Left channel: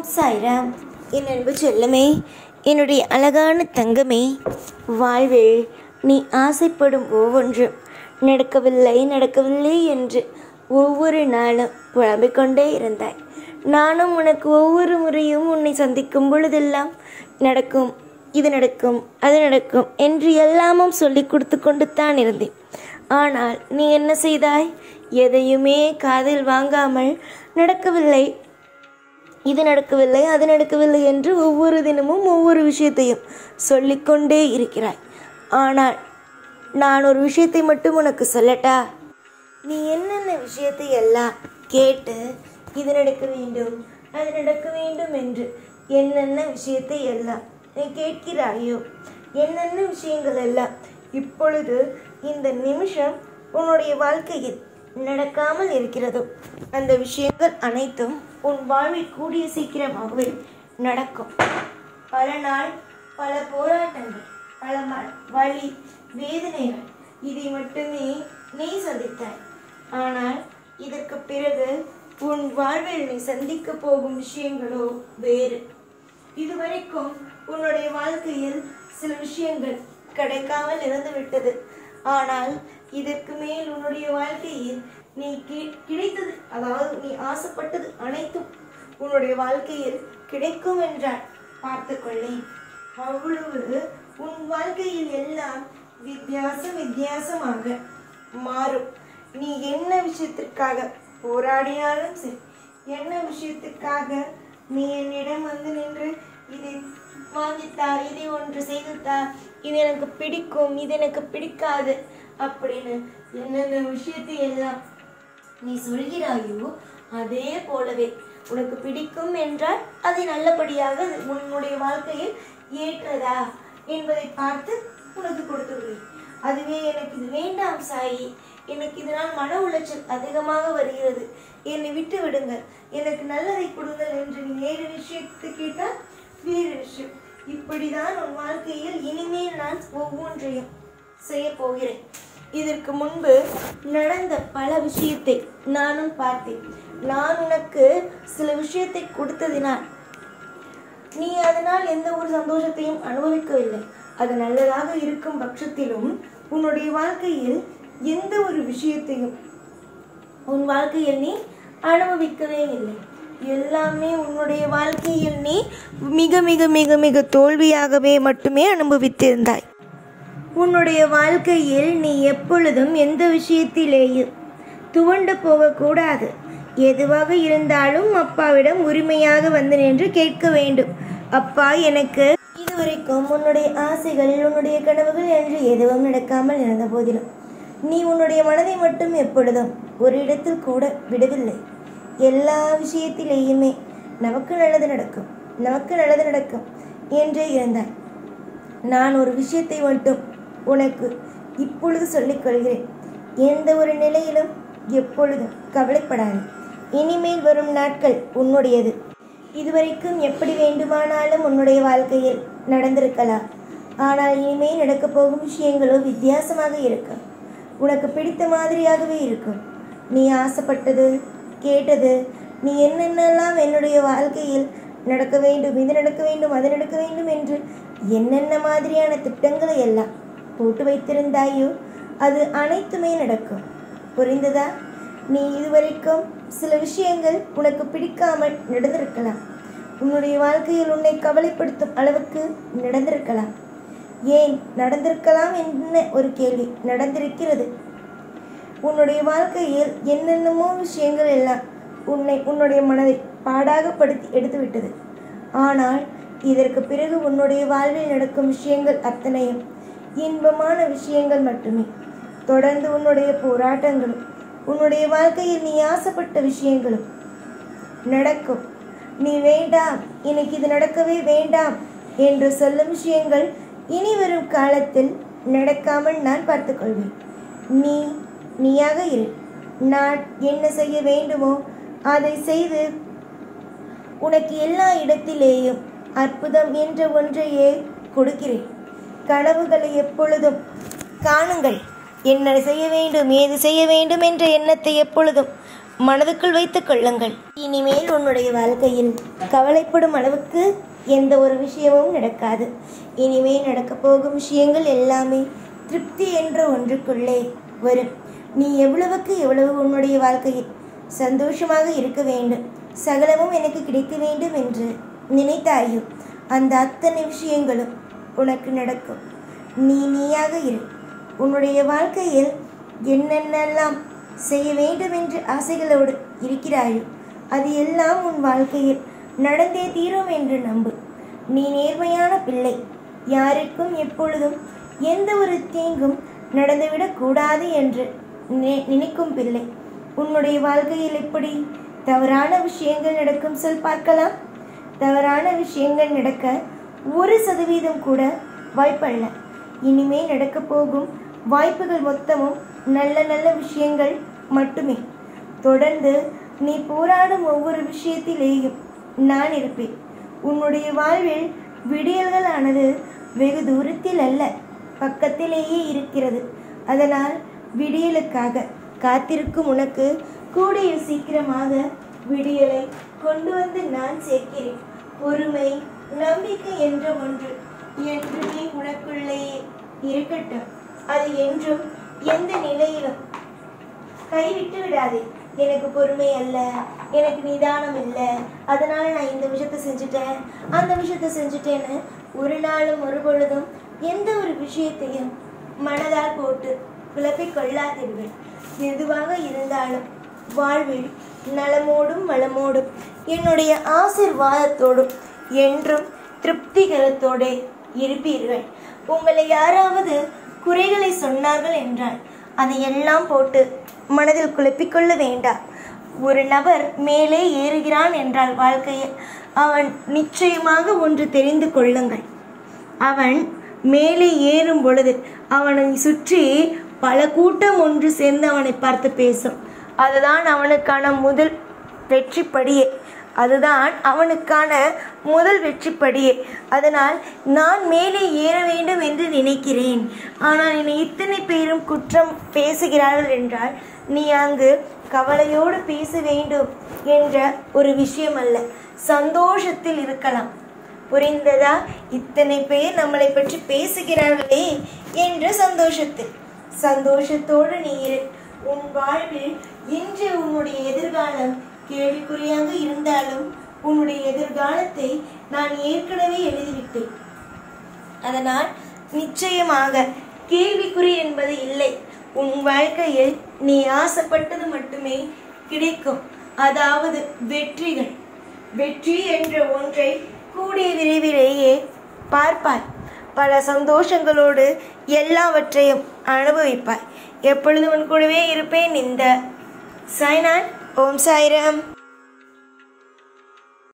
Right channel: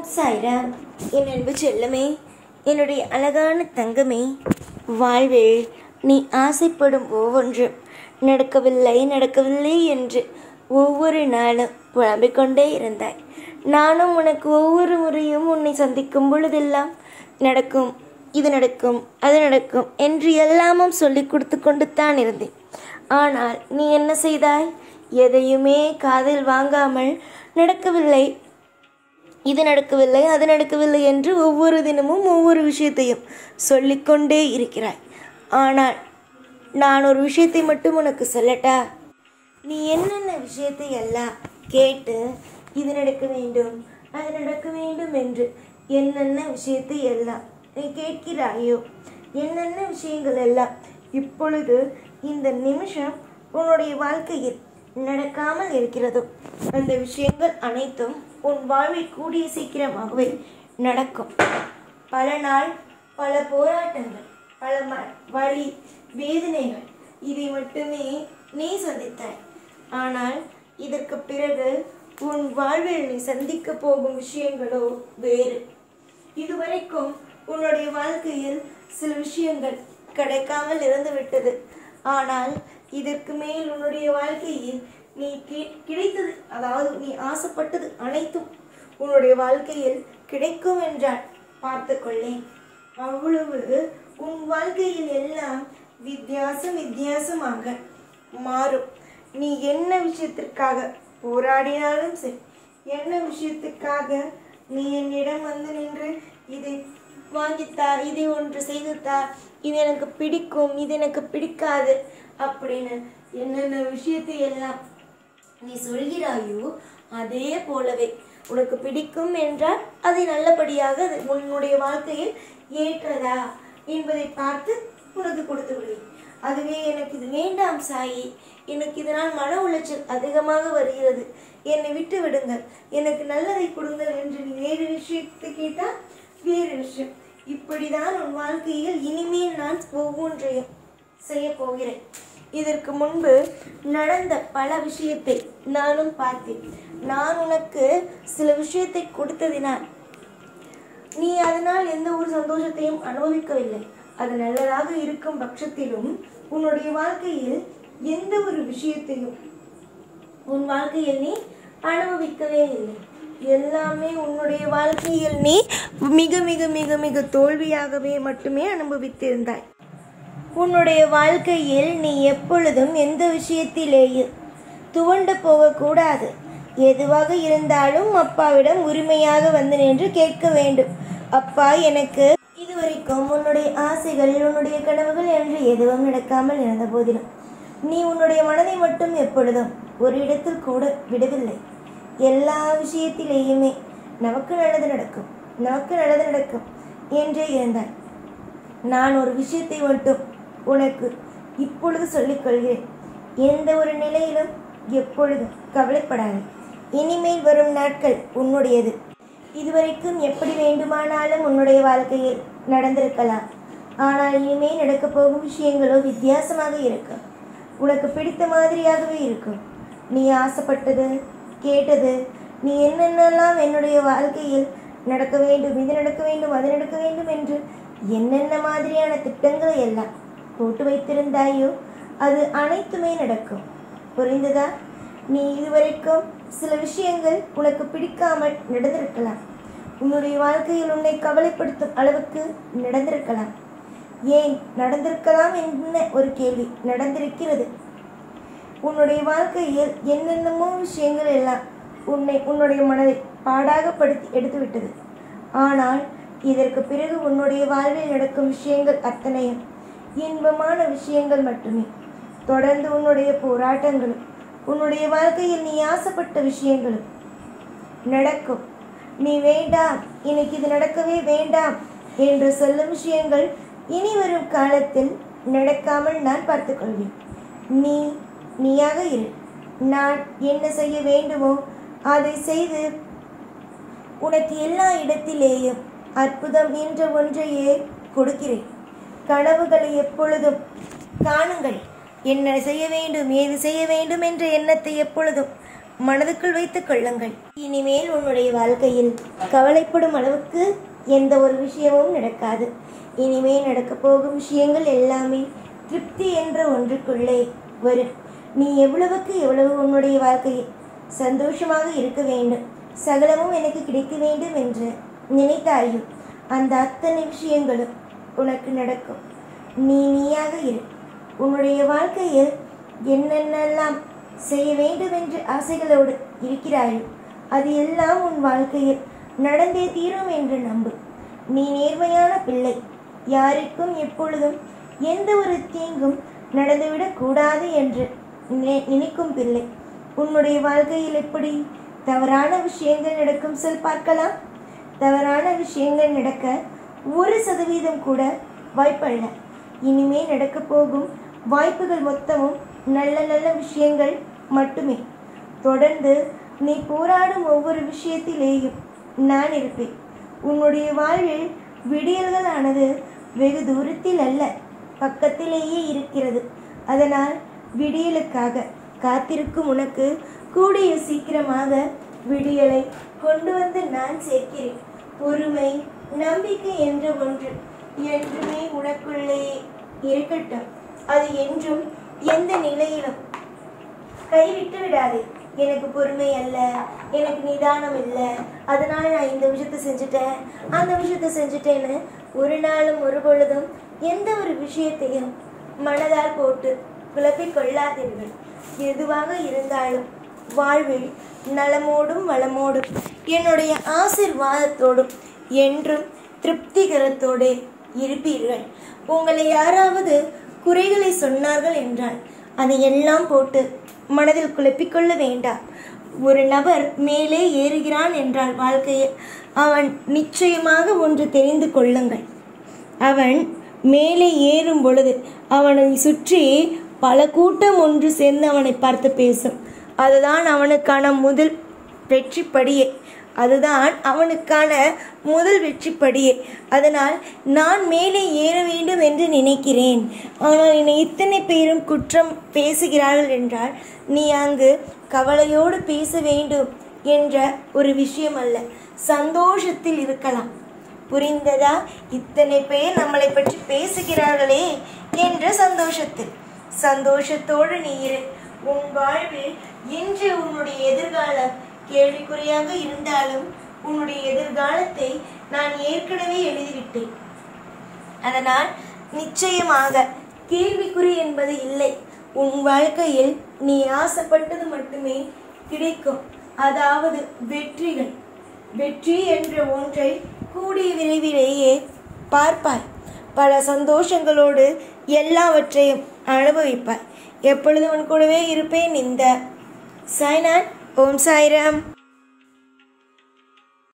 ஓம் சாய்ராம். என் அன்பு செல்லமே, என்னுடைய அழகான தங்கமே, வாழ்வில் நீ ஆசைப்படும் ஒவ்வொன்றும் நடக்கவில்லை என்று ஒவ்வொரு நாளும் புலம்பிக் கொண்டே இருந்தாய். நானும் உனக்கு ஒவ்வொரு முறையும் உன்னை சந்திக்கும் பொழுதெல்லாம் நடக்கும், இது நடக்கும், அது நடக்கும் என்று எல்லாமும் சொல்லி கொடுத்து கொண்டு தான் இருந்தேன். ஆனால் நீ என்ன செய்தாய்? எதையுமே காதில் வாங்காமல் நடக்கவில்லை, இது நடக்கவில்லை, அது நடக்கவில்லை என்று ஒவ்வொரு தினமும் ஒவ்வொரு விஷயத்தையும் சொல்லிக்கொண்டே இருக்கிறாய். ஆனால் நான் ஒரு விஷயத்தை மட்டும் உனக்கு சொல்லட்டா? நீ என்னென்ன விஷயத்தை எல்லாம் கேட்டு இது நடக்க வேண்டும், அது நடக்க வேண்டும் என்று என்னென்ன விஷயத்தை எல்லாம் நீ கேட்கிறாயோ, என்னென்ன விஷயங்கள் எல்லாம் இப்பொழுது இந்த நிமிஷம் உன்னுடைய வாழ்க்கையில் நடக்காமல் இருக்கிறதோ அந்த விஷயங்கள் அனைத்தும் உன் வாழ்வில் கூடிய சீக்கிரமாகவே நடக்கும். பல நாள் பல போராட்டங்கள், பல வலி வேதனைகள், இதை மட்டுமே நீ சந்தித்தாய். ஆனால் இதற்கு பிறகு உன் வாழ்வில் நீ சந்திக்க போகும் விஷயங்களோ வேறு. இதுவரைக்கும் உன்னுடைய வாழ்க்கையில் சில விஷயங்கள் கிடைக்காமல் இருந்து விட்டது. ஆனால் இதற்கு மேல் உன்னுடைய வாழ்க்கையில் நீ கிடைத்தது, அதாவது நீ ஆசைப்பட்டது அனைத்தும் உன்னுடைய வாழ்க்கையில் கிடைக்கும் என்றால் பார்த்துக்கொள்ளேன். அவ்வளவு உன் வாழ்க்கையில் எல்லாம் வித்தியாசமாக மாறும். நீ என்ன விஷயத்திற்காக போராடினாலும் சரி, என்ன விஷயத்துக்காக நீ என்னிடம் வந்து நின்று இதை வாங்கித்தா, இதை ஒன்று செய்துத்தா, இது எனக்கு பிடிக்கும், இது எனக்கு பிடிக்காது அப்படின்னு என்னென்ன விஷயத்தை எல்லாம் நீ சொல்கிறாயோ, அதே போலவே உனக்கு பிடிக்கும் என்றால் அதை நல்லபடியாக உன்னுடைய வாழ்க்கையில் ஏற்றதா என்பதை பார்த்து உனக்கு கொடுத்து விடுவேன். அதுவே எனக்கு இது வேண்டாம் சாயி, எனக்கு இதனால் மன உளைச்சல் அதிகமாக வருகிறது, என்னை விட்டு விடுங்கள், எனக்கு நல்லதை கொடுங்கள் என்று நீ வேறு விஷயத்தை கேட்டால் வேறு விஷயம். இப்படிதான் உன் வாழ்க்கையில் இனிமேல் நான் ஒவ்வொன்றையும் செய்ய போகிறேன். இதற்கு முன்பு நடந்த பல விஷயத்தை நானும் பார்த்தேன். நான் உனக்கு சில விஷயத்தை கொடுத்ததினால் நீ அதனால் எந்த ஒரு சந்தோஷத்தையும் அனுபவிக்கவில்லை. அது நல்லதாக இருக்கும் பட்சத்திலும் உன்னுடைய வாழ்க்கையில் எந்த ஒரு விஷயத்தையும் உன் வாழ்க்கையில் நீ அனுபவிக்கவே இல்லை. எல்லாமே உன்னுடைய வாழ்க்கையில் நீ மிக மிக மிக மிக தோல்வியாகவே மட்டுமே அனுபவித்திருந்தாய். உன்னுடைய வாழ்க்கையில் நீ எப்பொழுதும் எந்த விஷயத்திலேயும் துவண்டு போகக்கூடாது. எதுவாக இருந்தாலும் அப்பாவிடம் உரிமையாக வந்து நின்று கேட்க வேண்டும். அப்பா, எனக்கு இதுவரைக்கும் உன்னுடைய ஆசைகள், உன்னுடைய கனவுகள் என்று எதுவும் நடக்காமல் இருந்த போதிலும் நீ உன்னுடைய மனதை மட்டும் எப்பொழுதும் ஒரு இடத்தில் கூட விடவில்லை. எல்லா விஷயத்திலேயுமே நமக்கு நல்லது நடக்கும், நமக்கு நல்லது நடக்கும் என்றே இருந்தாய். நான் ஒரு விஷயத்தை மட்டும் உனக்கு இப்பொழுது சொல்லிக் கொள்கிறேன். எந்த ஒரு நிலையிலும் எப்பொழுதும் கவலைப்படாது. இனிமேல் வரும் நாட்கள் உன்னுடையது. இதுவரைக்கும் எப்படி வேண்டுமானாலும் உன்னுடைய வாழ்க்கையில் நடந்திருக்கலாம். ஆனால் இனிமேல் நடக்கப் போகும் விஷயங்களோ வித்தியாசமாக இருக்கும். உனக்கு பிடித்த மாதிரியாகவே இருக்கும். நீ ஆசைப்பட்டது, கேட்டது, நீ என்னென்னலாம் என்னுடைய வாழ்க்கையில் நடக்க வேண்டும், இது நடக்க வேண்டும், அது நடக்க வேண்டும் என்று என்னென்ன மாதிரியான திட்டங்களை எல்லாம் போட்டு வைத்திருந்தாயோ அது அனைத்துமே நடக்கும். புரிந்ததா? நீ இதுவரைக்கும் சில விஷயங்கள் உனக்கு பிடிக்காமல் நடந்திருக்கலாம். உன்னுடைய வாழ்க்கையில் உன்னை கவலைப்படுத்தும் அளவுக்கு நடந்திருக்கலாம். ஏன் நடந்திருக்கலாம் என்ன ஒரு கேள்வி நடந்திருக்கிறது. உன்னுடைய வாழ்க்கையில் என்னென்னமோ விஷயங்கள் எல்லாம் உன்னுடைய மனதை பாடாகப்படுத்தி எடுத்துவிட்டது. ஆனால் இதற்கு பிறகு உன்னுடைய வாழ்வில் நடக்கும் விஷயங்கள் அத்தனையும் இன்பமான விஷயங்கள் மட்டுமே. தொடர்ந்து உன்னுடைய போராட்டங்களும் உன்னுடைய வாழ்க்கையில் நீ ஆசைப்பட்ட விஷயங்களும் நடக்கும். நீ வேண்டாம், எனக்கு இது நடக்கவே வேண்டாம் என்று சொல்லும் விஷயங்கள் இனி வரும் காலத்தில் நடக்காமல் நான் பார்த்துக்கொள்வேன். நீயாக இரு. நான் என்ன செய்ய வேண்டுமோ அதை செய்து உனக்கு எல்லா இடத்திலேயும் அற்புதம் என்ற ஒன்றையே கொடுக்கிறேன். கனவுகளை எப்பொழுதும் காணுங்கள். என்ன செய்ய வேண்டும், ஏது செய்ய வேண்டும் என்ற எண்ணத்தை எப்பொழுதும் மனதுக்குள் வைத்துக் கொள்ளுங்கள். இனிமேல் உன்னுடைய வாழ்க்கையில் கவலைப்படும் அளவுக்கு எந்த ஒரு விஷயமும் நடக்காது. இனிமேல் நடக்கப் போகும் விஷயங்கள் எல்லாமே திருப்தி என்ற ஒன்றுக்குள்ளே வரும். நீ எவ்வளவுக்கு எவ்வளவு உன்னுடைய வாழ்க்கையில் சந்தோஷமாக இருக்க வேண்டும், சகலமும் எனக்கு கிடைக்க வேண்டும் என்று நினைத்தாயோ அந்த அத்தனை விஷயங்களும் உனக்கு நடக்கும். நீயாக இரு. உன்னுடைய வாழ்க்கையில் என்னென்னலாம் செய்ய வேண்டும் என்று ஆசைகளோடு இருக்கிறாயோ அது எல்லாம் உன் வாழ்க்கையில் நடந்தே தீரும் என்று நம்பு. நீ நேர்மையான பிள்ளை. யாருக்கும் எப்பொழுதும் எந்த ஒரு தீங்கும் நடந்துவிடக் கூடாது என்று நினைக்கும் பிள்ளை. உன்னுடைய வாழ்க்கையில் எப்படி தவறான விஷயங்கள் நடக்கும் சொல் பார்க்கலாம். தவறான விஷயங்கள் நடக்க 1% கூட வாய்ப்பல்ல. இனிமே நடக்க போகும் வாய்ப்புகள் மொத்தமும் நல்ல நல்ல விஷயங்கள் மட்டுமே. தொடர்ந்து நீ போராடும் ஒவ்வொரு விஷயத்திலேயும் நான் இருப்பேன். உன்னுடைய வாழ்வில் விடியல்களானது வெகு தூரத்தில் அல்ல, பக்கத்திலேயே இருக்கிறது. அதனால் விடியலுக்காக காத்திருக்கும் உனக்கு கூடிய சீக்கிரமாக விடியலை கொண்டு வந்து நான் சேர்க்கிறேன். பொறுமை, நம்பிக்கை என்ற ஒன்று என்றுமே உனக்குள்ளேயே இருக்கட்டும். அது என்றும் எந்த நிலையிலும் கைவிட்டு விடாதே. எனக்கு பொறுமை அல்ல, எனக்கு நிதானம் இல்லை, அதனால நான் இந்த விஷயத்த செஞ்சுட்டேன், அந்த விஷயத்த செஞ்சுட்டேன்னு ஒரு நாளும் ஒரு பொழுதும் எந்த ஒரு விஷயத்தையும் மனதால் போட்டு குழப்பிக் கொள்ளாதீர்கள். எதுவாக இருந்தாலும் வாழ்வில் நலமோடும் வளமோடும் என்னுடைய ஆசீர்வாதத்தோடும் என்றும் திருப்திகரத்தோடு இருப்பீர்கள். உங்களை யாராவது குறைகளை சொன்னார்கள் என்றால் அதையெல்லாம் போட்டு மனதில் குழப்பிக்கொள்ள வேண்டாம். ஒரு நபர் மேலே ஏறுகிறான் என்றால் வாழ்க்கையில் அவன் நிச்சயமாக ஒன்று தெரிந்து கொள்ளுங்கள். அவன் மேலே ஏறும் பொழுது அவனை சுற்றி பல கூட்டம் ஒன்று சேர்ந்து அவனை பார்த்து பேசும். அதுதான் அவனுக்கான முதல் வெற்றிப்படியே. அதனால் நான் மேலே ஏற வேண்டும் என்று நினைக்கிறேன், ஆனால் என்னை இத்தனை பேரும் குற்றம் பேசுகிறார்கள் என்றால் நீ அங்கு கவலையோடு பேச வேண்டும் என்ற ஒரு விஷயம் அல்ல, சந்தோஷத்தில் இருக்கலாம். புரிந்ததா? இத்தனை பேர் நம்மளை பற்றி பேசுகிறார்களே என்ற சந்தோஷத்தோடு நீ இரு. உன் வாழ்வில் இன்று உன்னுடைய எதிர்காலம் கேள்விக்குறியாக இருந்தாலும் உன்னுடைய எதிர்காலத்தை நான் ஏற்கனவே எழுதிவிட்டேன். அதனால் நிச்சயமாக கேள்விக்குறி என்பது இல்லை. உன் வாழ்க்கையில் நீ ஆசைப்பட்டது மட்டுமே கிடைக்கும். அதாவது வெற்றி என்ற ஒன்றை கூடிய விரைவிலேயே பார்ப்பாய். பல சந்தோஷங்களோடு எல்லாவற்றையும் அனுபவிப்பாய். எப்பொழுது உன் கூடவே இருப்பேன். இந்த சாய்நாத். ஓம் சாய்ராம்.